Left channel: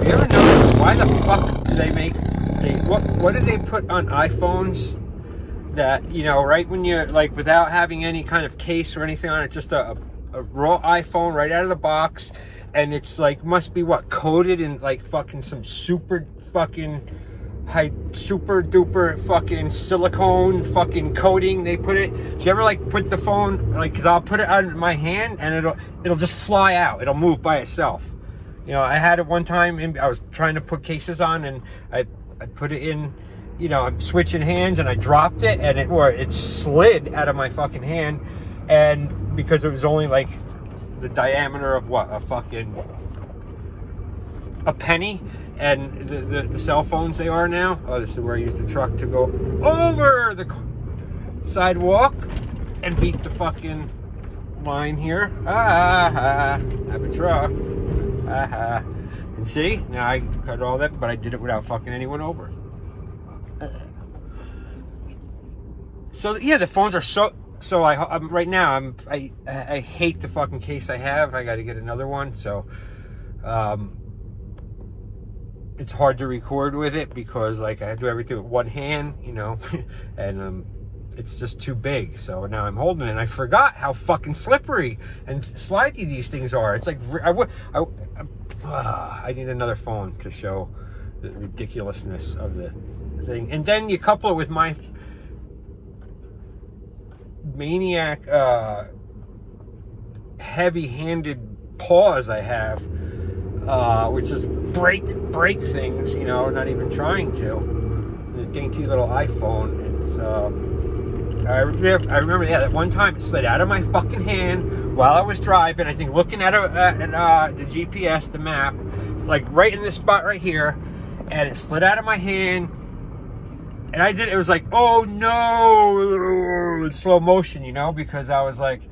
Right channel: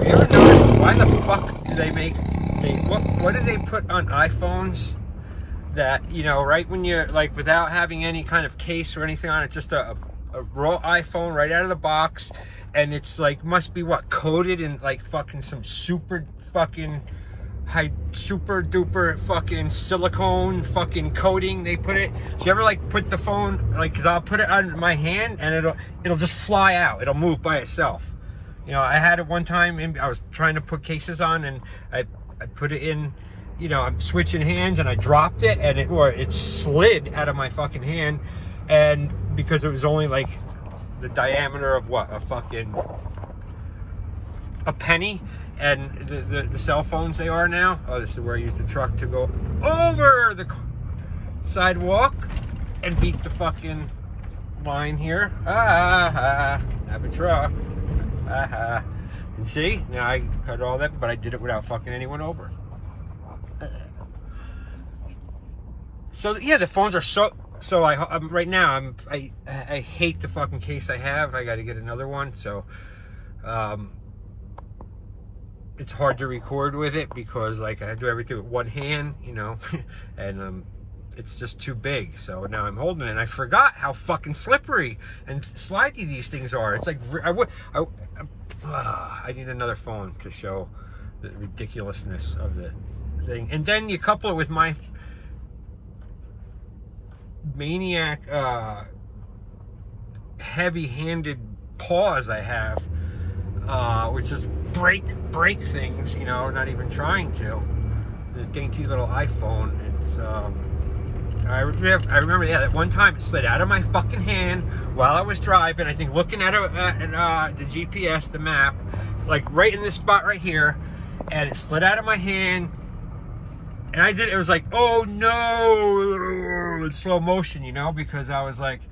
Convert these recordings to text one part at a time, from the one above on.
Have you ever noticed why the fuck do they make, what do they put on iPhones that, you know, right when you're, like, without having any kind of case or anything on it, just a raw iPhone right out of the box, and it's like, must be what, coated in like fucking some super fucking super duper fucking silicone fucking coating they put it. Do you ever like put the phone, like, cause I'll put it on my hand and it'll just fly out, it'll move by itself. You know, I had it one time and I was trying to put cases on, and I put it in, you know, I'm switching hands and I dropped it, and it slid out of my fucking hand. And because it was only like the diameter of what, a penny, and the cell phones they are now. Oh, this is where I use the truck to go over the sidewalk and beat the fucking line here. I have a truck. And see, now I cut all that, but I did it without fucking anyone over. So yeah, the phones are so I'm right now. I hate the fucking case I have. I got to get another one. So it's hard to record with it because like I do everything with one hand, you know, and it's just too big. So now I'm holding it, and I forgot how fucking slippery and slidey these things are. It's like I need another phone to show the ridiculousness of the thing. And then you couple it with my maniac heavy-handed paws I have, which is break things, you know, not even trying to. This dainty little iPhone, it's I remember, yeah, that one time it slid out of my fucking hand while I was driving, I think looking at the GPS, the map, like right in this spot right here, and it slid out of my hand. And it was like, oh no, in slow motion, you know, because I was like,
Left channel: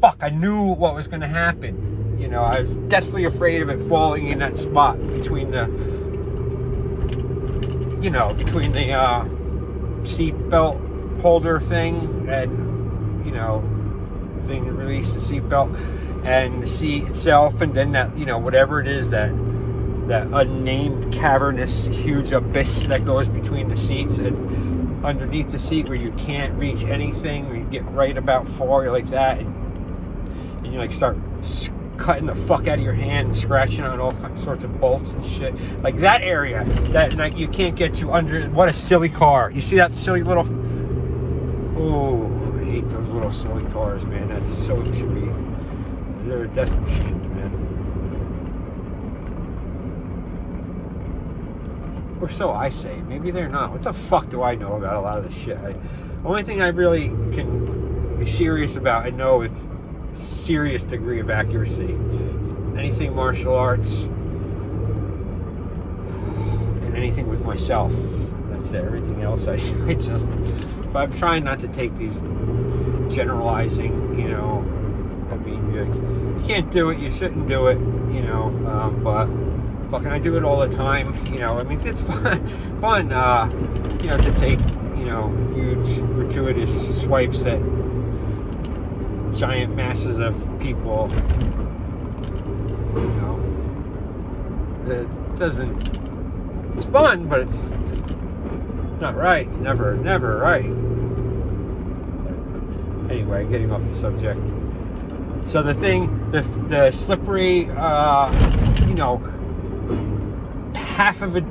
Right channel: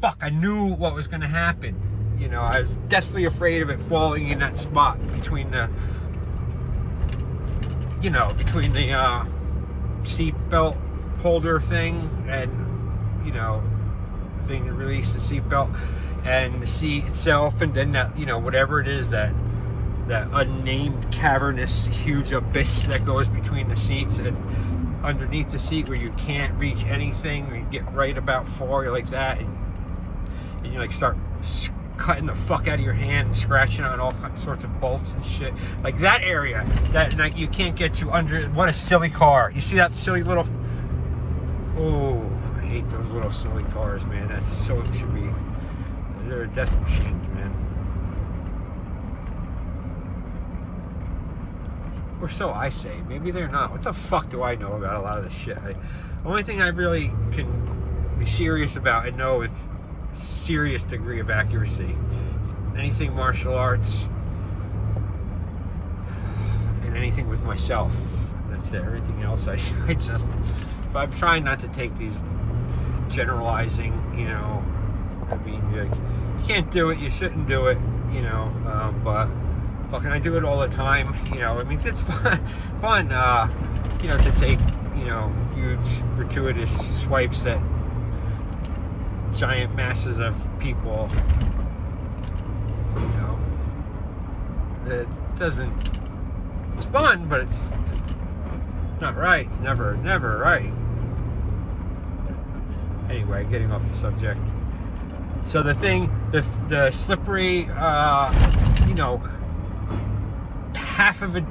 fuck, I knew what was going to happen. You know, I was deathly afraid of it falling in that spot between the, you know, between the seat belt holder thing and, you know, the thing that released the seat belt and the seat itself, and then that, you know, whatever it is, that unnamed cavernous huge abyss that goes between the seats and underneath the seat where you can't reach anything, where you get right about far like that, and you like start cutting the fuck out of your hand and scratching on all sorts of bolts and shit. Like that area that like you can't get to under. What a silly car. You see that silly little, oh, I hate those little silly cars, man. That's so, it should be, they're death machines, man. Or so I say. Maybe they're not. What the fuck do I know about a lot of this shit? The only thing I really can be serious about, I know with serious degree of accuracy, anything martial arts and anything with myself. That's it. Everything else I just, but I'm trying not to take these generalizing, you know, I mean, you can't do it, you shouldn't do it, you know, but fucking I do it all the time, you know. I mean, it's fun, you know, to take, you know, huge gratuitous swipes at giant masses of people, you know. It doesn't, it's fun, but it's not right. It's never right. Anyway, getting off the subject. So the thing, the slippery, you know, half of the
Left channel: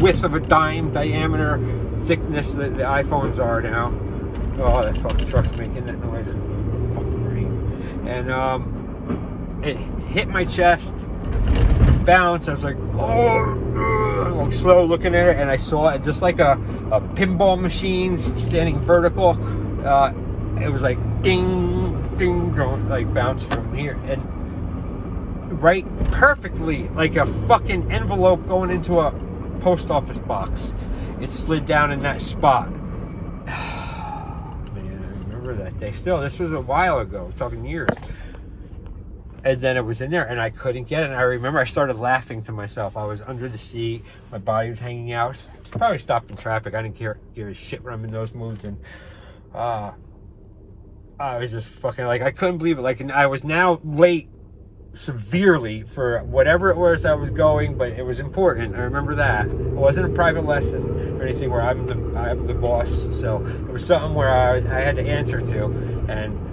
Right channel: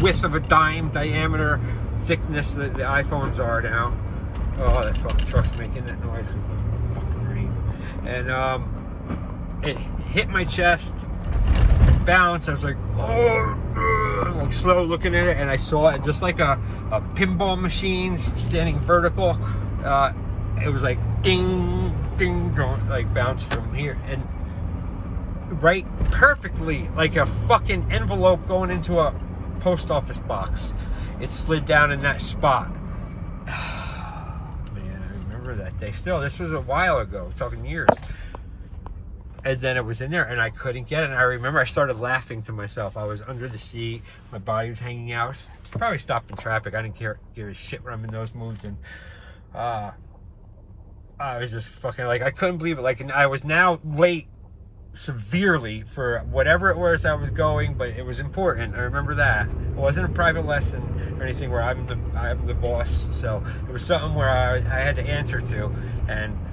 width of a dime diameter thickness that the iPhones are now. Oh, that fucking truck's making that noise in the fucking rain. And it hit my chest, bounced. I was like, oh, I'm slow looking at it, and I saw it just like a pinball machine standing vertical. It was like ding, ding, like bounce from here, and right perfectly, like a fucking envelope going into a post office box. It slid down in that spot. Man, I remember that day. Still, this was a while ago, talking years. And then it was in there, and I couldn't get it. And I remember I started laughing to myself. I was under the seat, my body was hanging out. Probably stopped in traffic. I didn't give a shit when I'm in those moods. And I was just fucking like, I couldn't believe it. Like, and I was now late severely for whatever it was I was going, but it was important. I remember that. It wasn't a private lesson or anything where I'm the boss, so it was something where I had to answer to, and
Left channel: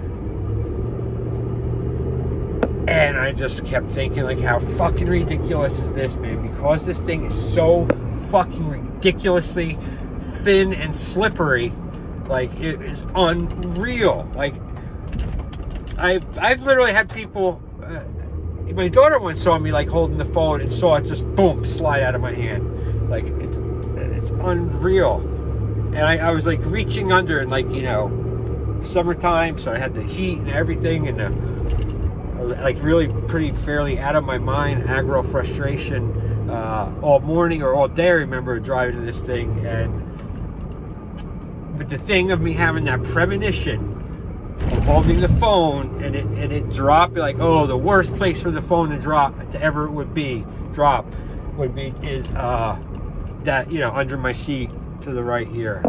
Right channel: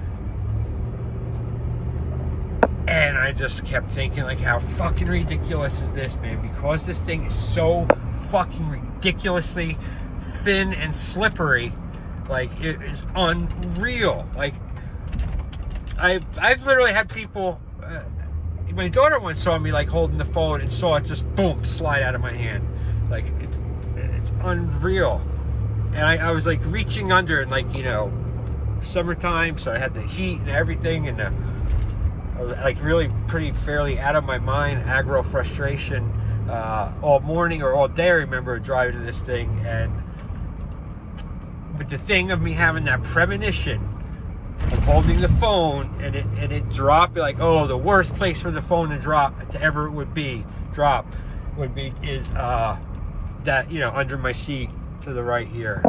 I just kept thinking, like, how fucking ridiculous is this, man? Because this thing is so fucking ridiculously thin and slippery, like, it is unreal. Like, I've literally had people, my daughter once saw me, like, holding the phone and saw it just, boom, slide out of my hand. Like, it's unreal. And I was, like, reaching under, and, like, you know, summertime, so I had the heat and everything, and I was, like, really pretty fairly out of my mind, aggro frustration all morning or all day. I remember driving this thing, but the thing of me having that premonition, holding the phone, and it dropped, like, oh, the worst place for the phone to drop, to ever would be that, you know, under my seat to the right here.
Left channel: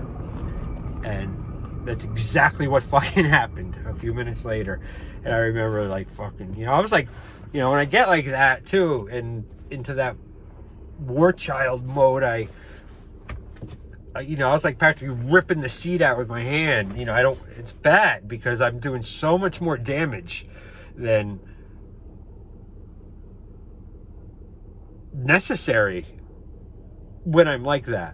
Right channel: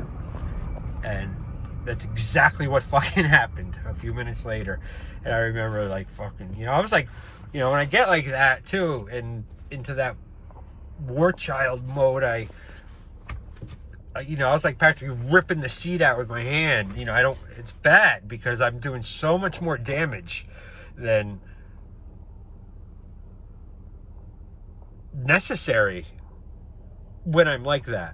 And that's exactly what fucking happened a few minutes later. And I remember, like, fucking, you know, I was like, you know, when I get like that too, and into that war child mode, you know, I was like practically ripping the seat out with my hand. You know, it's bad because I'm doing so much more damage than necessary when I'm like that.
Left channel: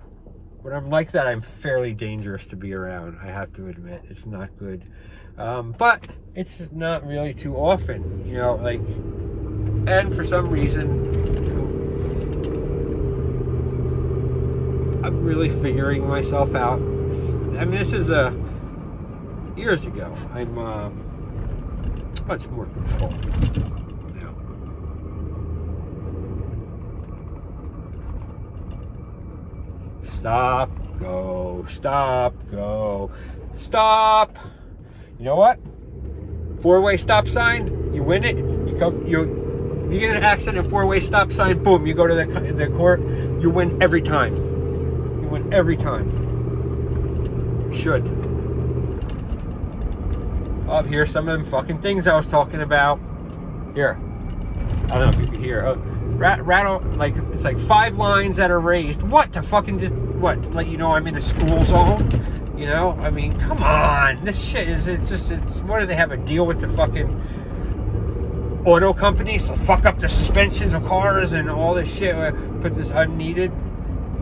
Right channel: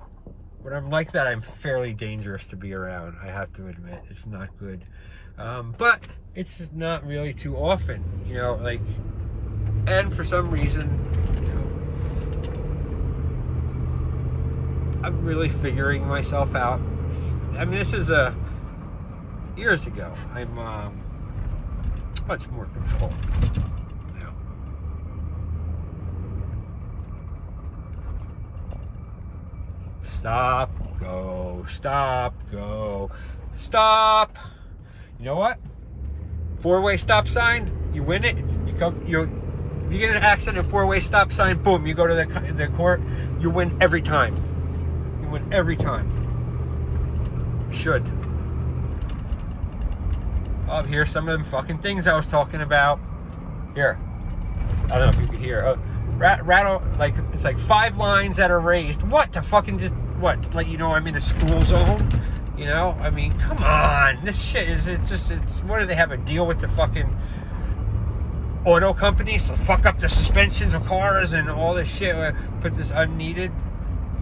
When I'm like that, I'm fairly dangerous to be around, I have to admit. It's not good. But it's not really too often, you know, like, and for some reason, I'm really figuring myself out. I mean, this is years ago. I'm much more control now. Stop, go, stop, go, stop. You know what? 4-way stop sign, you win it. You get in an accident, 4-way stop sign, boom, you go to the court, you win every time. You win every time. You should. Oh, here's some of them fucking things I was talking about. Here. I don't know if you can hear. Rattle, like, it's like 5 lines that are raised. What? To fucking just, what? To let you know I'm in a school zone? You know? I mean, come on. This shit is, it's, what do they have a deal with the fucking auto companies to fuck up the suspensions of cars and all this shit? Put this unneeded.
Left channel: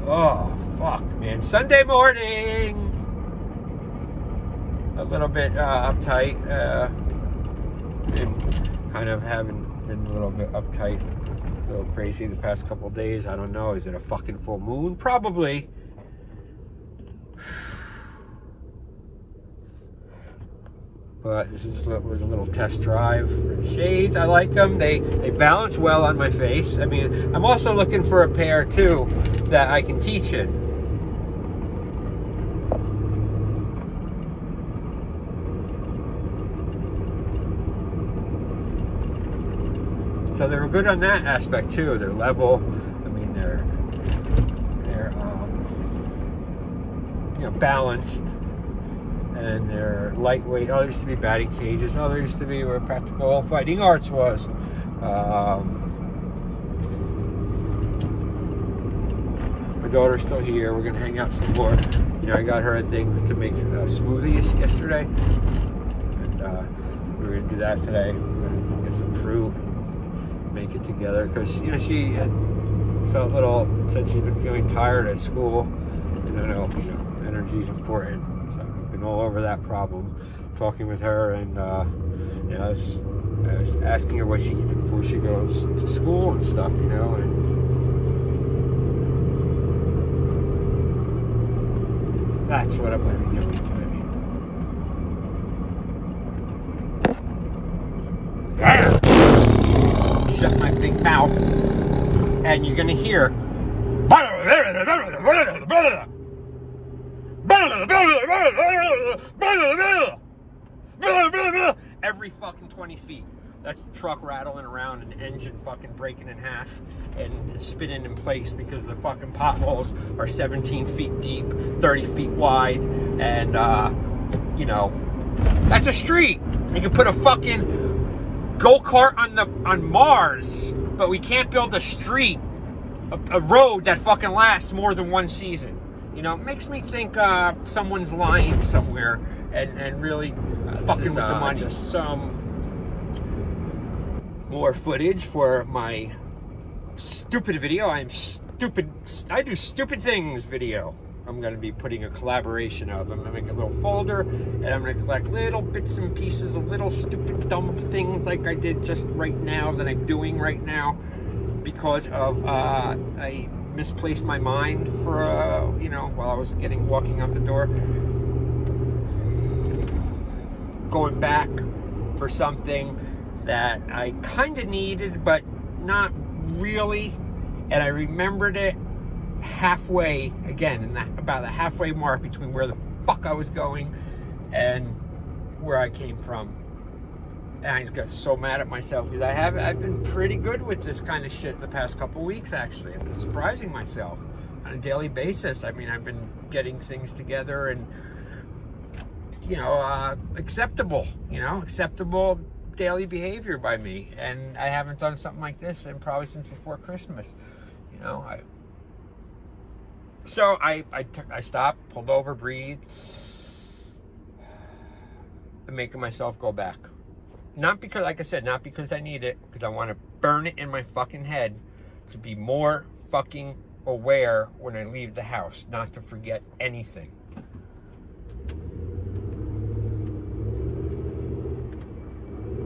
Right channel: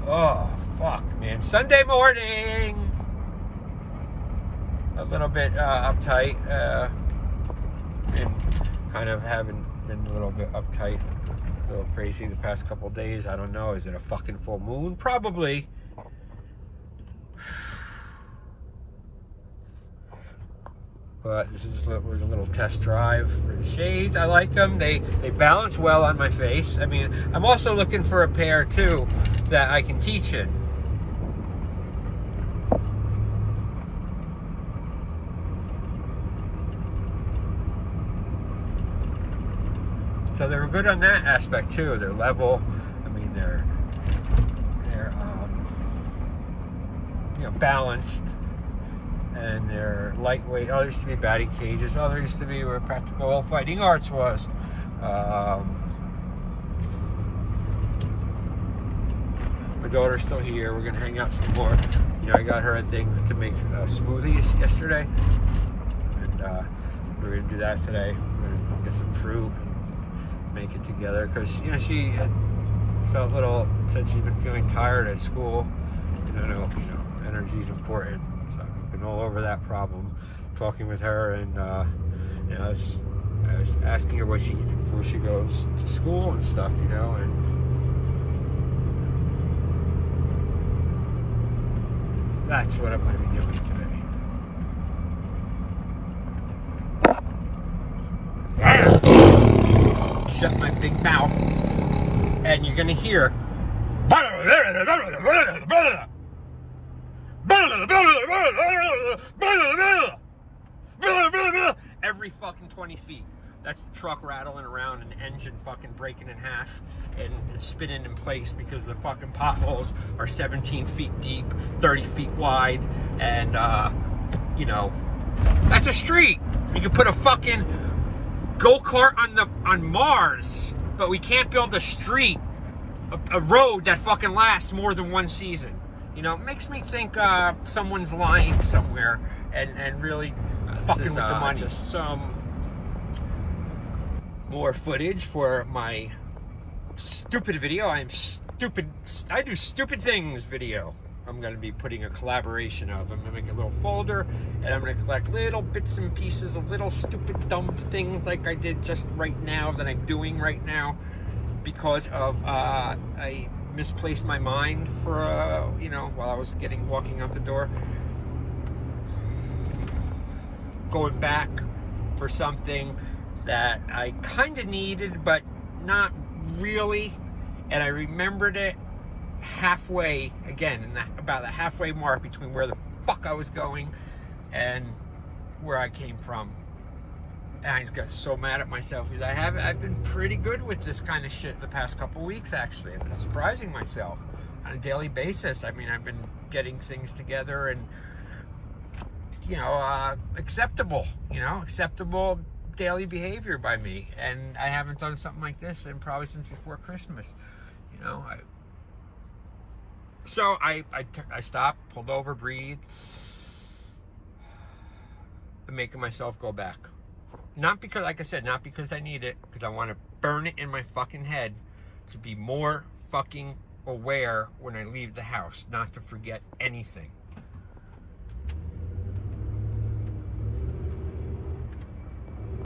Oh, fuck, man. Sunday morning. A little bit uptight. And kind of having been a little bit uptight. A little crazy the past couple of days. I don't know. Is it a fucking full moon? Probably. But this was a little test drive for the shades. I like them. They balance well on my face. I mean, I'm also looking for a pair too that I can teach in. So they're good on that aspect too. They're level. I mean, they're you know, balanced, and they're lightweight. Oh, there used to be batting cages. Oh, there used to be where Practical Fighting Arts was. My daughter's still here. We're gonna hang out some more. You know, I got her a thing to make smoothies yesterday, and we're gonna do that today. We're gonna get some fruit. Make it together, because, you know, she had felt said she's been feeling tired at school, and I know, you know, energy is important, so I've been all over that problem, talking with her, and you know, I was asking her what she eats before she goes to school and stuff, you know, and that's what I'm going to be doing today. Shut my big mouth, and you're gonna hear every fucking 20 feet. That's the truck rattling around and the engine fucking breaking in half and spinning in place because the fucking potholes are 17 feet deep, 30 feet wide, and you know, that's a street. You can put a fucking go-kart on Mars, but we can't build a street, a road that fucking lasts more than one season. You know, it makes me think someone's lying somewhere and really fucking with the money. Just some more footage for my stupid video. I do stupid things video. I'm going to be putting a collaboration of. I'm going to make a little folder, and I'm going to collect little bits and pieces of little stupid, dumb things like I did just right now, that I'm doing right now, because of, I misplaced my mind for, you know, while I was walking out the door. Going back for something that I kind of needed, but not really, and I remembered it halfway, again, in that about the halfway mark between where the fuck I was going and where I came from. And I just got so mad at myself, because I've been pretty good with this kind of shit the past couple weeks, actually. I've been surprising myself on a daily basis. I mean, I've been getting things together and, you know, acceptable daily behavior by me. And I haven't done something like this in probably since before Christmas, you know. So I stopped, pulled over, breathed. I'm making myself go back. Not because, like I said, not because I need it, because I want to burn it in my fucking head to be more fucking aware when I leave the house, not to forget anything.